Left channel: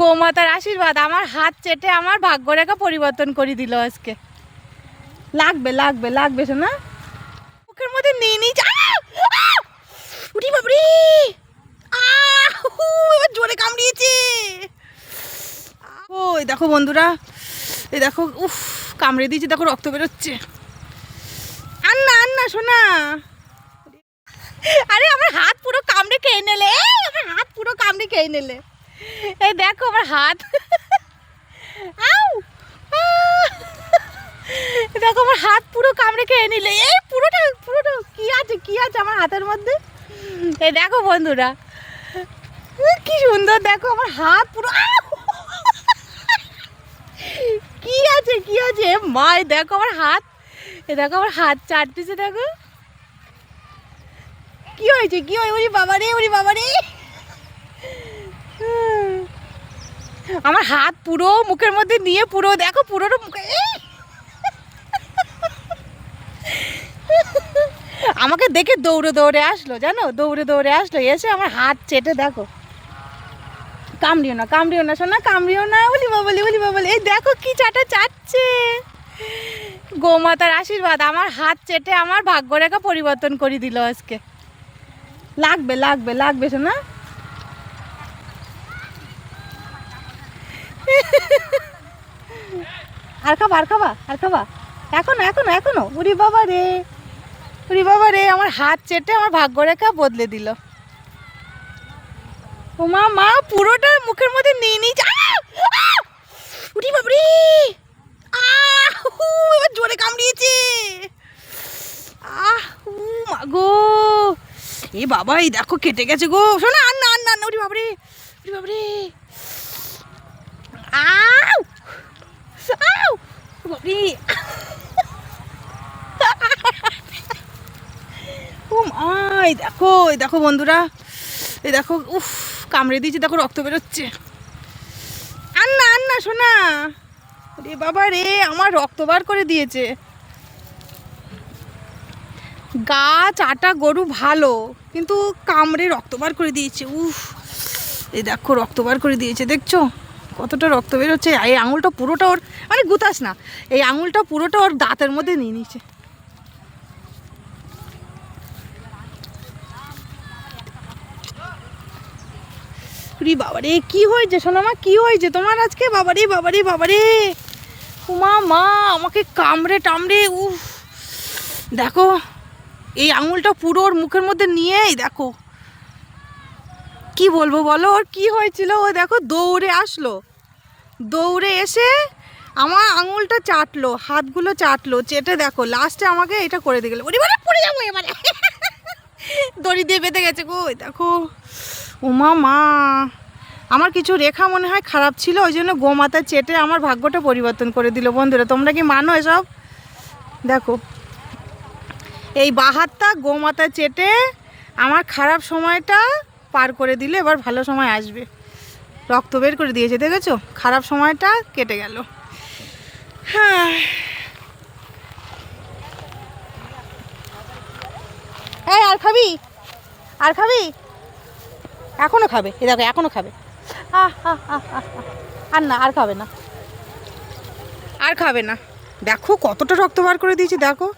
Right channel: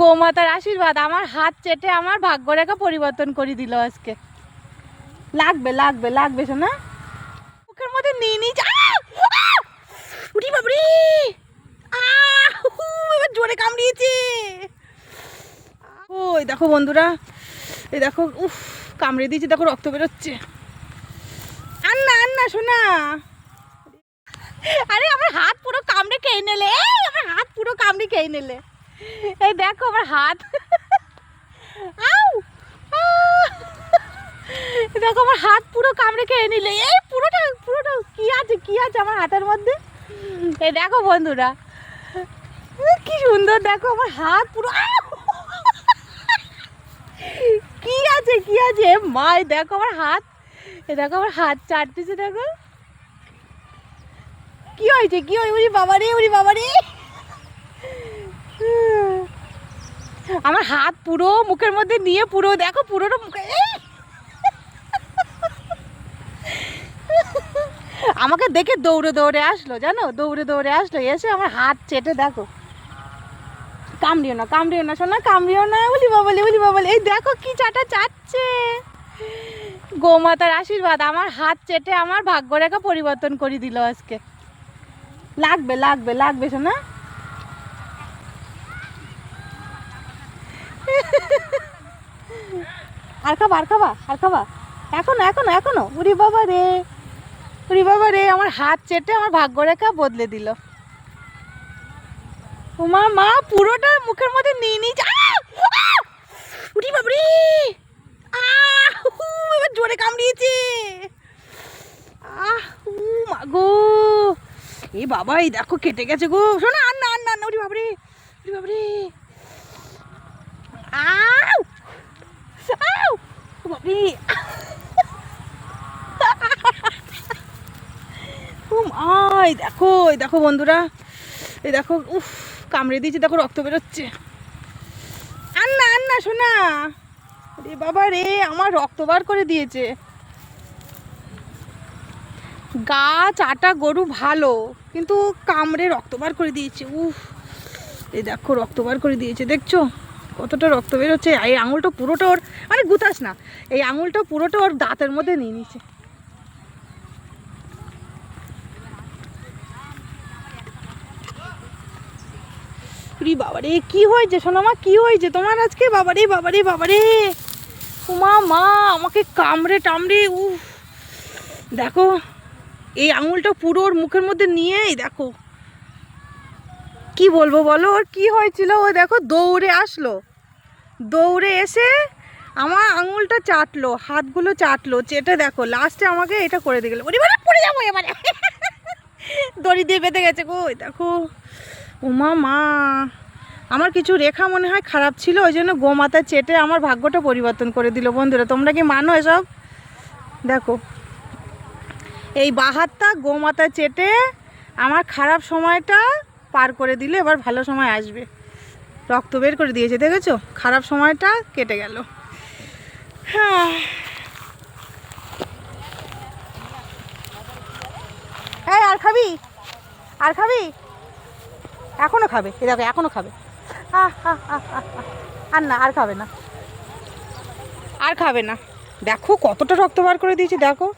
গোমাতার আশীর্বাদ আমার হাত চেটে আমার ভাগ্যরেখা পরিবর্তন করে দিল আজকে। লাগবে লাগবে লাগবে শোনা, মুখের মধ্যে নিয়ে নি। উঠি বাবরি, এবার জোরে কামড়িয়েছে। ওই দেখো বন্ধুরা, এই দেখো, উফ কামড়ে দিয়েছি, দেখো রক্ত বেরোচ্ছে। আন্না আন্না শোনা, আরে আমার হাত পুরো কামড়ে খেয়ে নিলে, আমার হাত পুরো কামড়ে খেয়ে নিলে। এই দেখো আমার হাত, দেখো আমার হাত পুরো কামড়ে খেয়ে নিলে। এই পুরোটা পুরোটা কি আছে কি আছে আমার হাতের মধ্যে। এই দেখো বন্ধুরা কি সুন্দর, দেখো আমার হাত পুরো কি আছে কি আছে। মাই দেখো আমার হাত, এ দেখো আমার হাত চাটতেছে, দেখো কি হয়েছে কি হয়। ওরে বাবা রে, ওরে বাবা রে, আমার হাত পুরো মুখের মধ্যে নিয়ে পুরো দেখো পুরোটা মুখে। আমাকে দেখে দৌড়ে দৌড়ে আসলো, জানো, দৌড়ে দৌড়ে আসলো, এসে আমার হাত চেটে দেখো। কামড়িও না কামড়িও না শোনা, কামড়িও না। বলি বাবলি বলি বাবলি, এই দেখো কি চাটা চাটছে। গোমাতার আশীর্বাদ আমার হাত চেটে আমার ভাগ্যরেখা পরিবর্তন করে দিল আজকে। লাগবে লাগবে লাগবে শোনা। আর খাবা আর খাবা আর খাবা, এখনো এখনো এখনো। উরি বাবা রে, উরি বাবা রে, আমার হাত চেটে আমার ভাগ্যরেখা বদলে দিল। ও মা, মা পুরোটা মুখের মধ্যে নিয়ে নিয়েছে। উরি বাবরি, এবার জোরে কামড়িয়েছে। মাগো, এ বাবা, এই দেখো কেটে গেছে গো শোনা। আন্না আন্না আন্না, উরি বাবরি, উরি বাবরি, আউ আউ বাবরি। এই দেখো, এই দেখো বন্ধুরা, এই দেখো, উফ কামড়ে দিয়েছি, দেখো রক্ত বেরোচ্ছে। আন্না আন্না শোনা, রে বাবা রে, আমার রক্ত বার করে দিয়েছে। গাছ আটা গরু ভালো, কিন্তু কামড়ে রক্ত বার করে দিয়েছে। উফ, এই দেখো রক্ত বার করে দিয়েছে, দেখছো কতটা রক্ত বেরোচ্ছে। এই আঙুলটা পুরোটা ওর, মানে গুতাস না, এই আঙুলটা পুরোটা ওর দাঁতের মধ্যে নিয়ে নিয়েছে। বাবারে কি হয়েছে সোনামা, কি হয়েছে তোমার আজকে? বাবারে বাবারে বাবারে, উমা মা আমাকে কামড়ে টামড়ে। উফ দেখো, এই আঙুলটা পুরো ওর মুখের মধ্যে নিয়েই দেখো, কি বলবো বলো, ওর কি হয়েছিল। ও দেখো দৌড়ে আসলো, দৌড়ে এসে আমার আঙুলটা চাটলো, হাতগুলো চাটলো, চেটে দেখো লাস্টে আমাকে এটা করে দিয়ে গেলো। এবারে পড়ে যাবো, এবারে দড়ি দিয়ে বেঁধে গেছে গো। দেখো উমা মা, আমার কিছু রেখা মনে হয় খারাপ ছিল, ওই জন্য গোমাতা চেটে আমার ভাগ্যটা পরিবর্তন করে দিল। বন্ধুরা তোমরা কি মানো এসব? দেখো এই বাহাতটা গোমাতা চেটে আমার খারাপ সময়টা পার করে দিলে, এবার ভালো সময় আসবে। রক্ত বের করে দিয়েছে, দেখেছো, খারাপ সময়টা কেটে গেল। হ্যাঁ, এই আর খাবি, আর খাবি, এখনো খাবে, এ দেখো এখনো খাবে। আর না, আর খাবে না, আর খাবে না। দেখো কতটা রক্ত বার করে দিয়েছি, দেখো।